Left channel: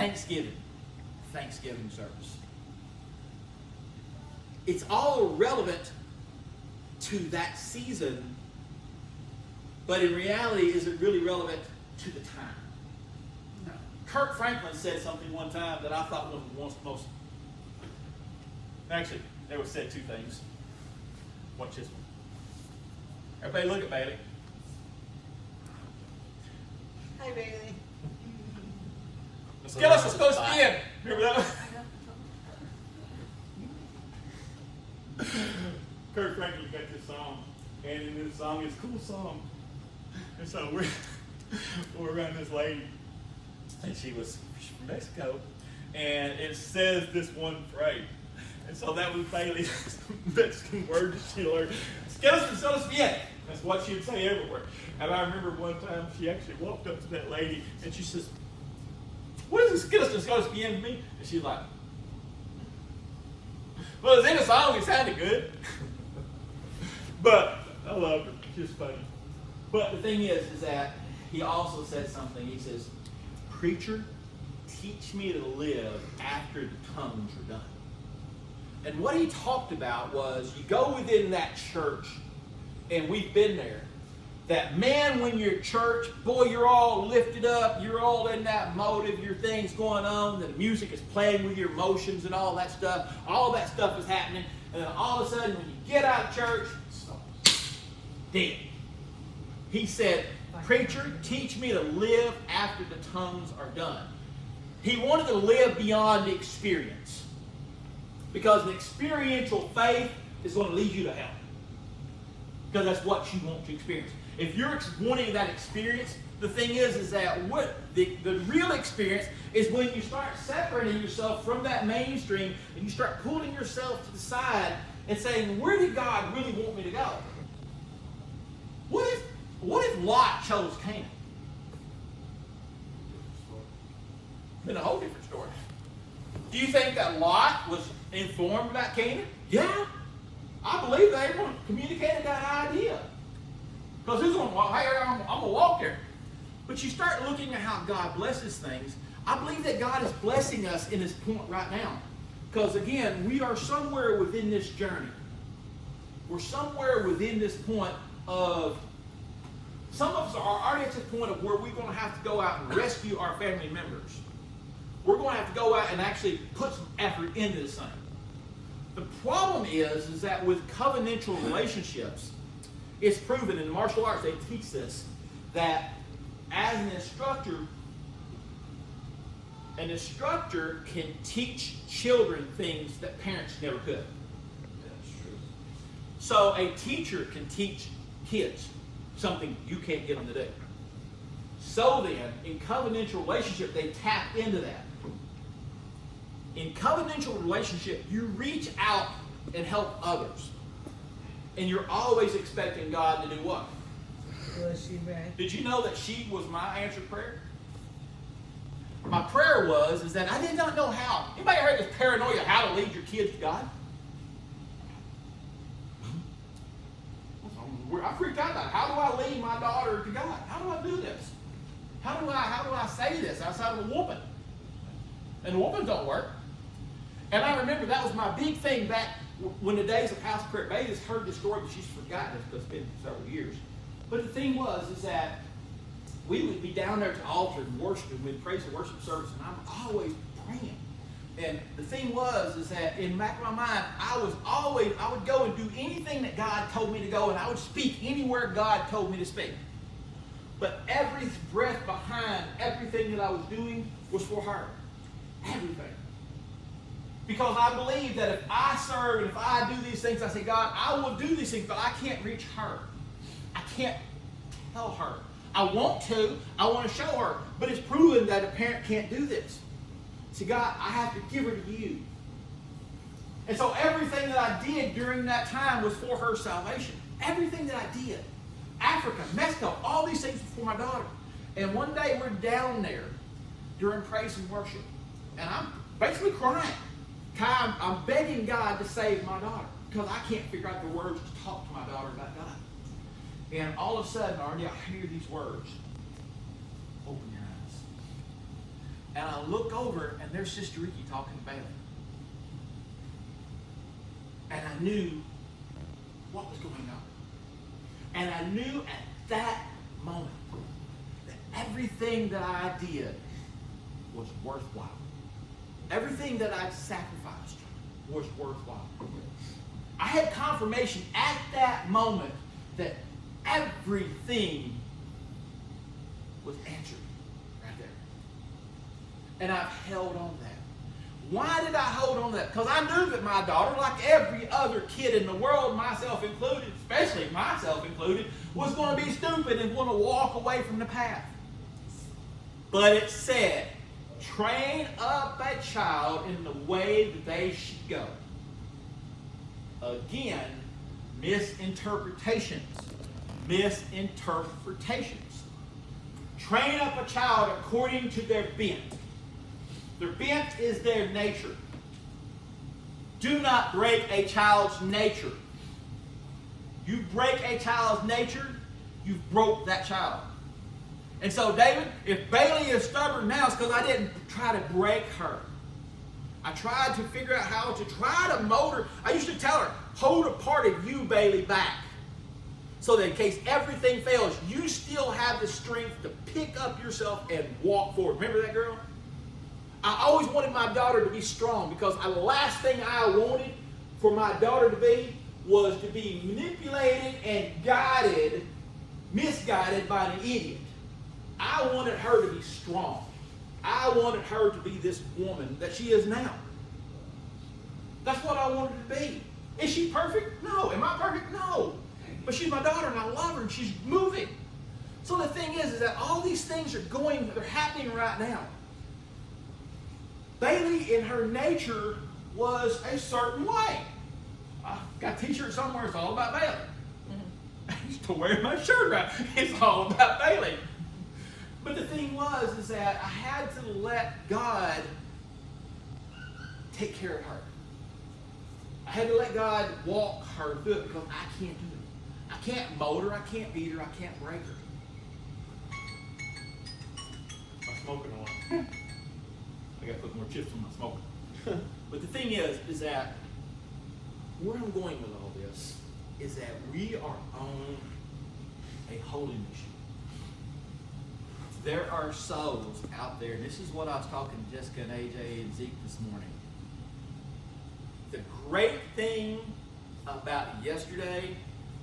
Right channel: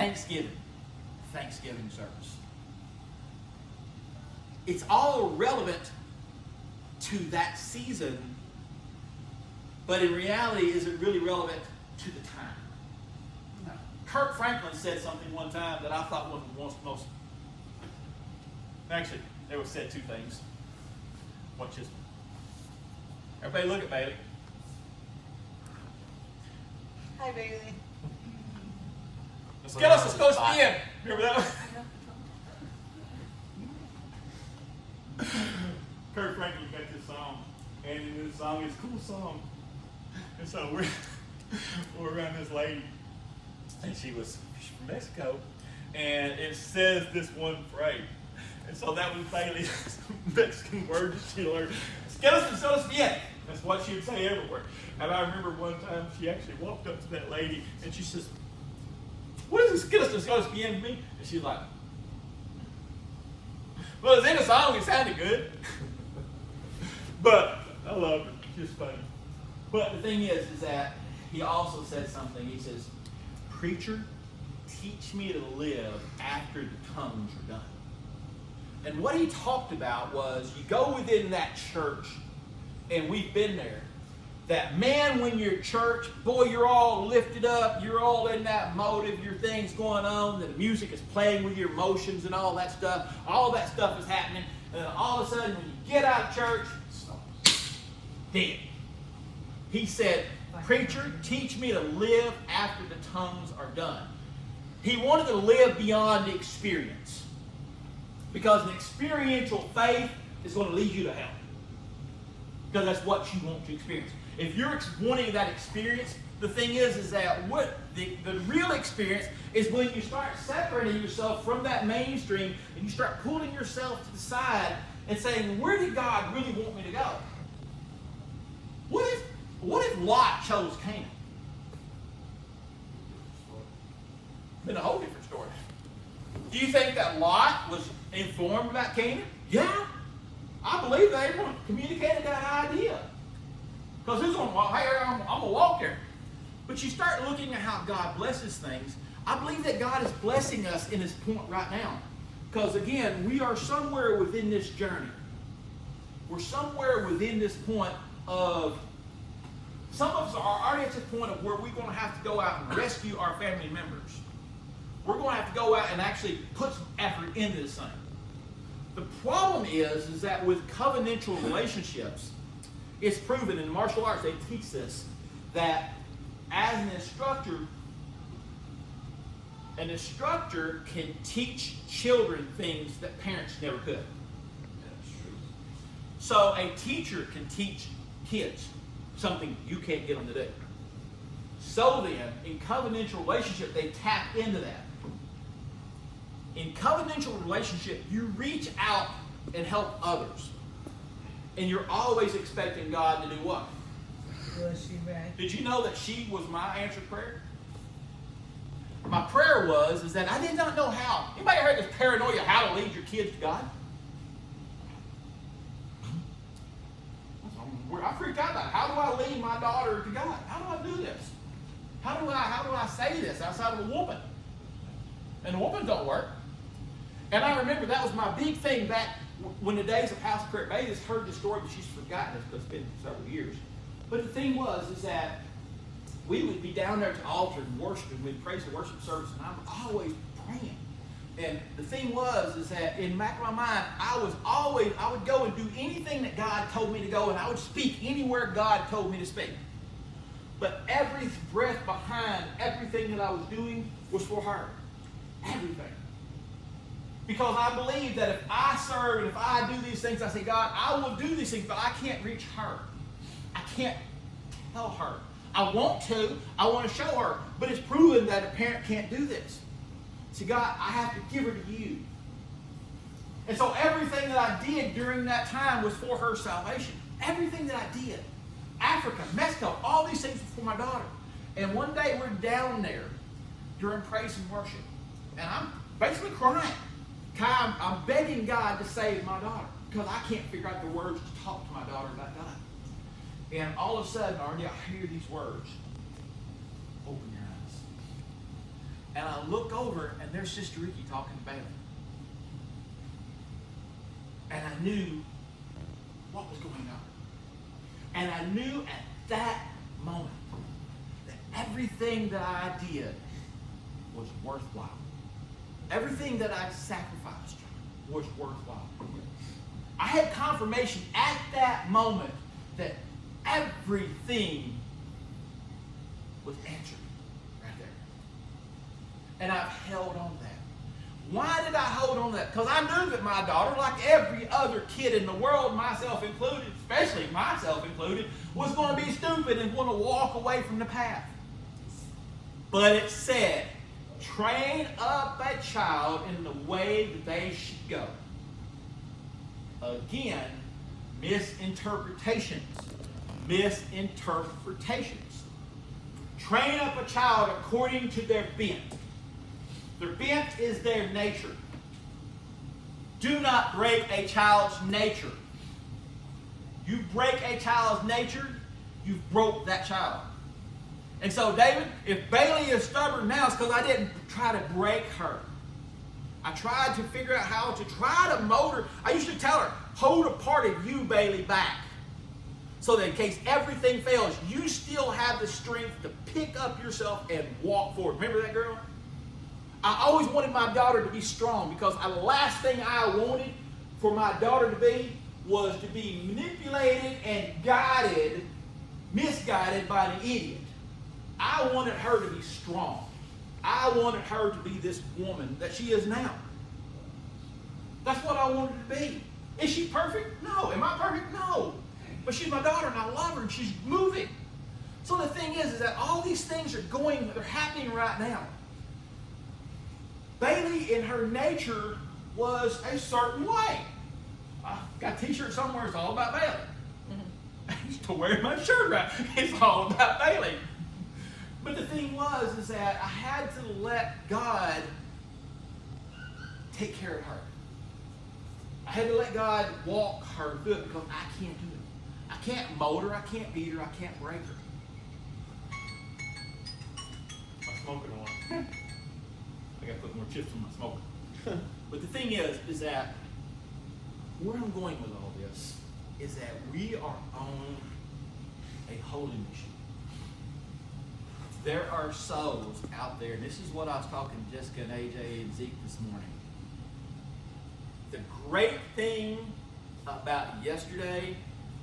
Thanksgiving service. It's all relevant to that season, but in reality, is it really relevant to the time? No. Kirk Franklin said something one time that I thought was most actually, they were said two things. Watch this one. Everybody look at Bailey. Hi, Bailey. Skills is supposed to be in. Remember that? Kirk Franklin got this song, and this song is a cool song. And so we're around this lady, and she's from Mexico, and it says this one phrase. And so that was Bailey's Mexican word she learned. Skills is supposed to be in. That's what she'd say everywhere. And I remember one time she actually walked up to that lady, and she says, "What is this skills is supposed to be in me?" And she's like, "Well, it's in a song, it sounded good." But I love it. It's just funny. But the thing is that he also said something. He says, "Preacher, teach me to live after the tongues are done." And what he talked about was, you go within that church, and we've been there, that man, when you're at church, boy, you're all lifted up, you're all in that motive, your thing's going on, the music is playing with your emotions and all that stuff is happening, and all of a sudden, when you get out of church, dead. He said, "Preacher, teach me to live after the tongues are done." He wanted to live beyond the experience. Because the experiential faith is going to lead you to hell. Because that's what you want to experience. If you're wanting that experience, the thing is that what the real experience is when you start separating yourself from that mainstream and you start pulling yourself to the side and saying, where did God really want me to go? What if Lot chose Cain? It's been a whole different story. Do you think that Lot was informed about Canaan? Yeah. I believe they communicated that idea. Because he's going to, hey, I'm going to walk there. But you start looking at how God blesses things. I believe that God is blessing us in this point right now. Because again, we are somewhere within this journey. We're somewhere within this point of, some of us are already at the point of where we're going to have to go out and rescue our family members. We're going to have to go out and actually put some effort into this thing. The problem is that with covenantal relationships, it's proven in martial arts, they teach this, that as an instructor can teach children things that parents never could. So a teacher can teach kids something you can't get them to do. So then, in covenantal relationship, they tap into that. In covenantal relationship, you reach out and help others. And you're always expecting God to do what? Yes, you're right. Did you know that she was my answered prayer? My prayer was that I did not know how. You might have heard this paranoia, how to lead your kids to God. I freaked out about it. How do I lead my daughter to God? How do I do this? How do I say this outside of a woman? And the woman don't work. And I remember that was my big thing back when the days of house prayer. Maybe has heard the story, but she's forgotten it because it's been several years. But the thing is that we would be down there at the altar and worship, and we'd praise the worship service, and I was always praying. And the thing is that in the back of my mind, I would go and do anything that God told me to go, and I would speak anywhere God told me to speak. But every breath behind everything that I was doing was for her. Everything. Because I believe that if I serve, if I do these things, I say, God, I will do these things, but I can't reach her. I can't tell her. I want to show her, but it's proven that a parent can't do this. So God, I have to give her to you. And so everything that I did during that time was for her salvation. Everything that I did. Africa, Mexico, all these things were for my daughter. And one day we're down there during praise and worship. And I'm basically crying. I'm begging God to save my daughter. Because I can't figure out the words to talk to my daughter about God. And all of a sudden, I hear these words. Open your eyes. And I look over there's Sister Ricky talking to Bailey. And I knew what was going on. And I knew at that moment that everything that I did was worthwhile. Everything that I sacrificed was worthwhile. I had confirmation at that moment that everything was answered right there. And I held on to that. Why did I hold on to that? Because I knew that my daughter, like every other kid in the world, myself included, especially myself included, was going to be stupid and going to walk away from the path. But it said, train up a child in the way that they should go. Again, misinterpretations. Misinterpretations. Train up a child according to their bent. Their bent is their nature. Do not break a child's nature. You break a child's nature, you broke that child. And so, David, if Bailey is stubborn now, it's because I didn't try to break her. I tried to figure out how to try to mold her. I used to tell her, hold a part of you, Bailey, back. So that in case everything fails, you still have the strength to pick up yourself and walk forward. Remember that girl? I always wanted my daughter to be strong because the last thing I wanted for my daughter to be was to be manipulated and guided, misguided by an idiot. I wanted her to be strong. I wanted her to be this woman that she is now. That's what I wanted to be. Is she perfect? No. Am I perfect? No. But she's my daughter and I love her and she's moving. So the thing is that all these things are they're happening right now. Bailey, in her nature, was a certain way. I got a t-shirt somewhere, it's all about Bailey. I used to wear my shirt right. It's all about Bailey. But the thing is that I had to let God take care of her. I had to let God walk her through it because I can't do it. I can't mold her, I can't beat her, I can't break her. I'm smoking one. Yeah. I gotta put more chips on my smoke. But the thing is that where I'm going with all this is that we are on a holy mission. There are souls out there, and this is what I was talking to Jessica and AJ and Zeke this morning. The great thing about yesterday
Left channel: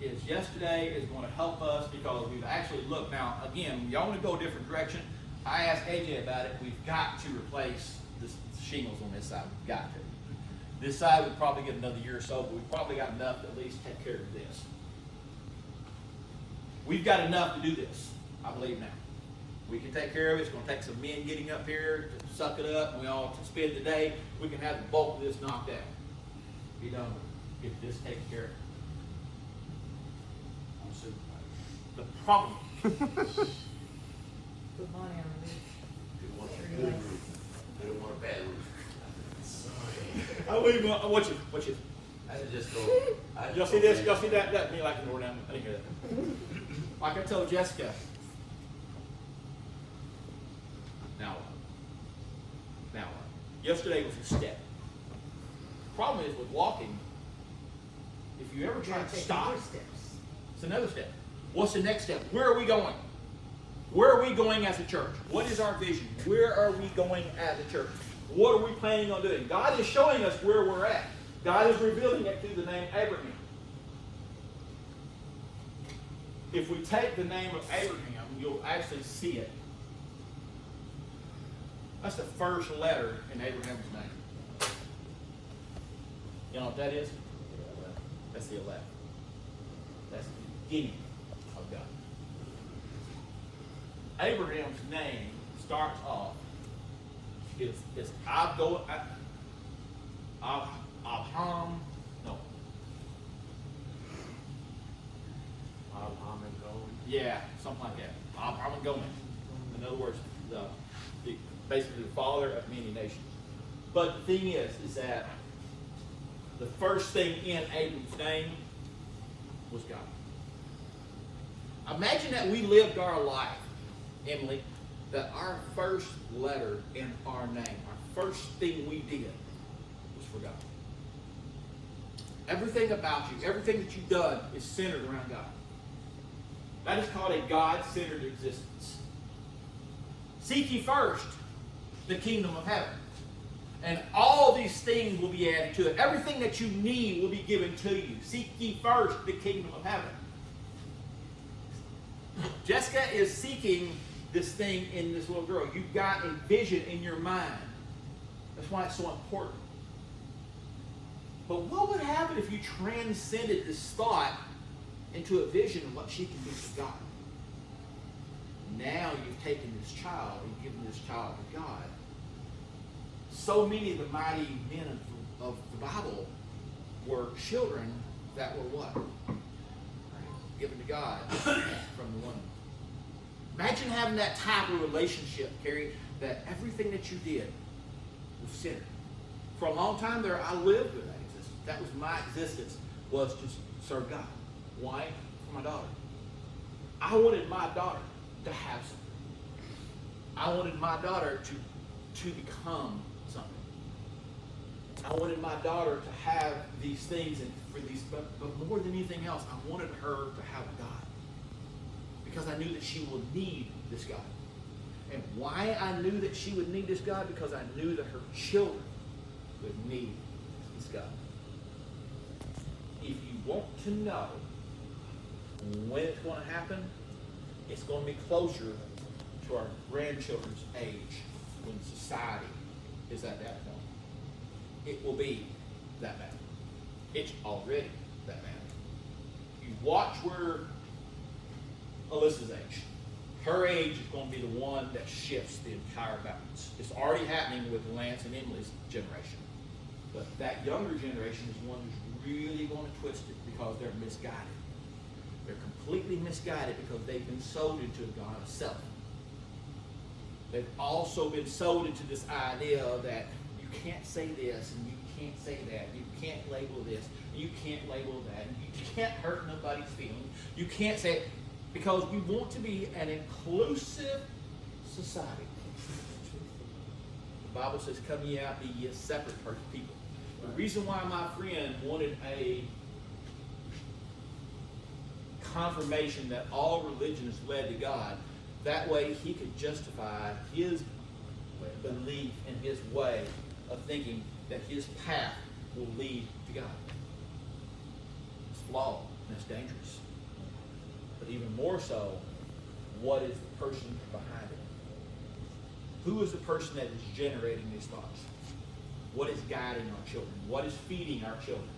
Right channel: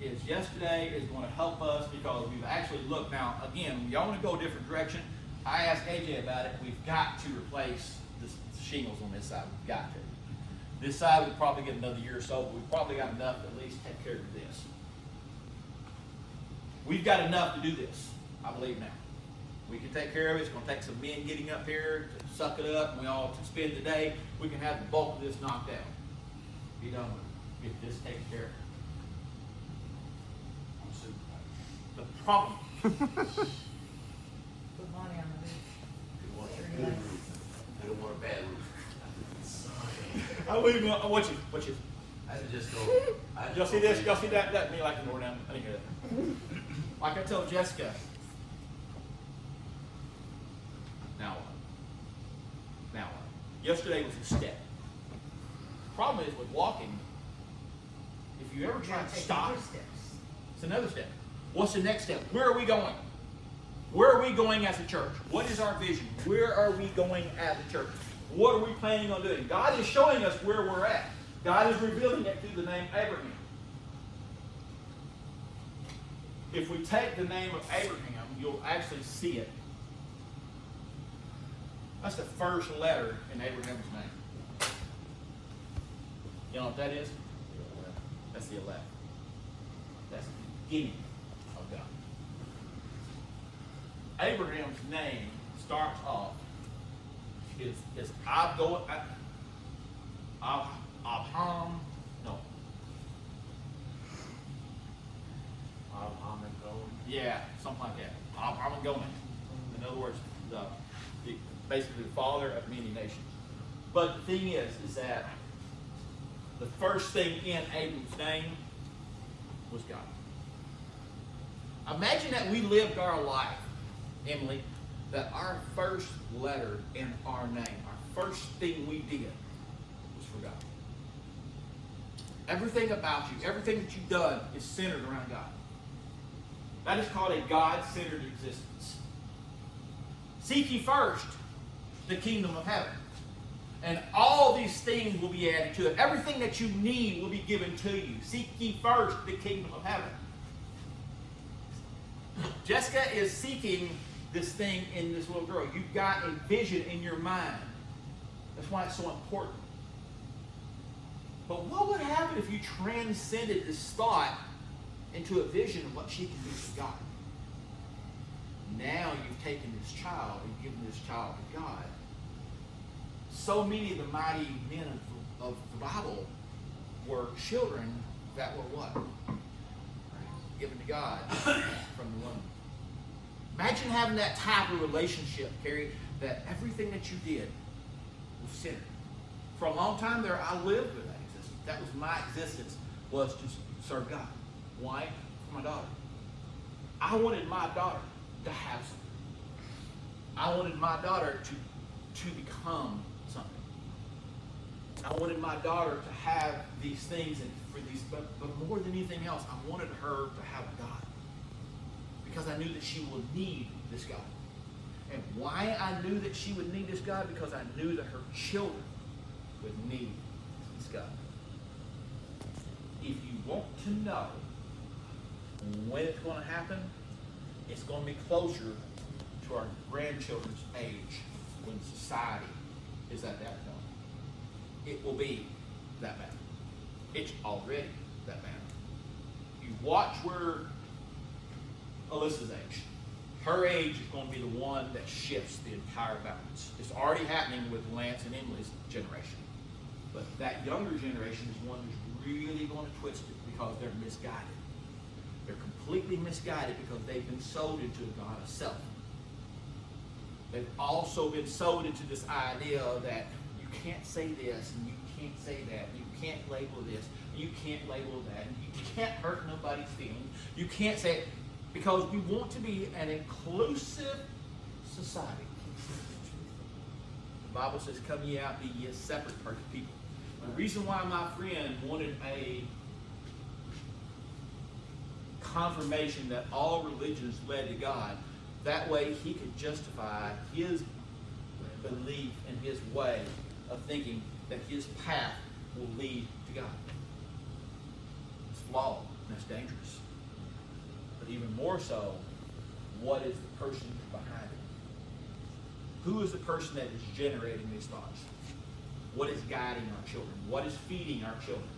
is going to help us because we've actually looked now. Again, we only go a different direction. I asked AJ about it. We've got to replace the shingles on this side. We've got to. This side will probably get another year or so, but we've probably got enough to at least take care of this. We've got enough to do this. I believe now. We can take care of it. It's going to take some men getting up here to suck it up, and we all spend the day. We can have the bulk of this knocked out. You know, get this taken care of. The problem. Good morning, everybody. Good morning, bad. I want you. I just go. Y'all see this? Y'all see that? Me, I can go down and figure that. Like I told Jessica. Now what? Yesterday was a step. Problem is with walking, if you ever try to stop, it's another step. What's the next step? Where are we going? Where are we going as a church? What is our vision? Where are we going as a church? What are we planning on doing? God is showing us where we're at. God is revealing it through the name Abraham. If we take the name of Abraham, you'll actually see it. That's the first letter in Abraham's name. You know what that is? That's the 11. That's the beginning of God. Abraham's name starts off. It's yeah, something like that. I'm going. In other words, basically the father of many nations. But the thing is that the first thing in Abram's name was God. Imagine that we lived our life, Emily, that our first letter in our name, our first thing we did, was for God. Everything about you, everything that you've done is centered around God. That is called a God-centered existence. Seek ye first the kingdom of heaven, and all these things will be added to it. Everything that you need will be given to you. Seek ye first the kingdom of heaven. Jessica is seeking this thing in this little girl. You've got a vision in your mind. That's why it's so important. But what would happen if you transcended this thought into a vision of what she can do for God? Now you've taken this child and given this child to God. So many of the mighty men of the Bible were children that were what? Given to God from the woman. Imagine having that type of relationship, Carrie, that everything that you did was centered. For a long time there, I lived with that existence. That was my existence, was to serve God. Why? For my daughter. I wanted my daughter to have something. I wanted my daughter to become something. I wanted my daughter to have these things, and for these, but more than anything else, I wanted her to have a God. Because I knew that she would need this God. And why I knew that she would need this God? Because I knew that her children would need this God. If you want to know when it's going to happen, it's going to be closer to our grandchildren's age when society is at that point. It will be that bad. It's already that bad. You watch where Alyssa's age. Her age is going to be the one that shifts the entire balance. It's already happening with Lance and Emily's generation. But that younger generation is one who's really going to twist it because they're misguided. They're completely misguided because they've been sold into a God of self. They've also been sold into this idea that you can't say this and you can't say that. You can't label this. You can't label that. And you can't hurt nobody's feelings. You can't say it. Because we want to be an inclusive society. The Bible says, come ye out, be ye a separate people. The reason why my friend wanted a confirmation that all religions led to God, that way he could justify his belief and his way of thinking that his path will lead to God. It's flawed. That's dangerous. But even more so, what is the person behind it? Who is the person that is generating these thoughts? What is guiding our children? What is feeding our children?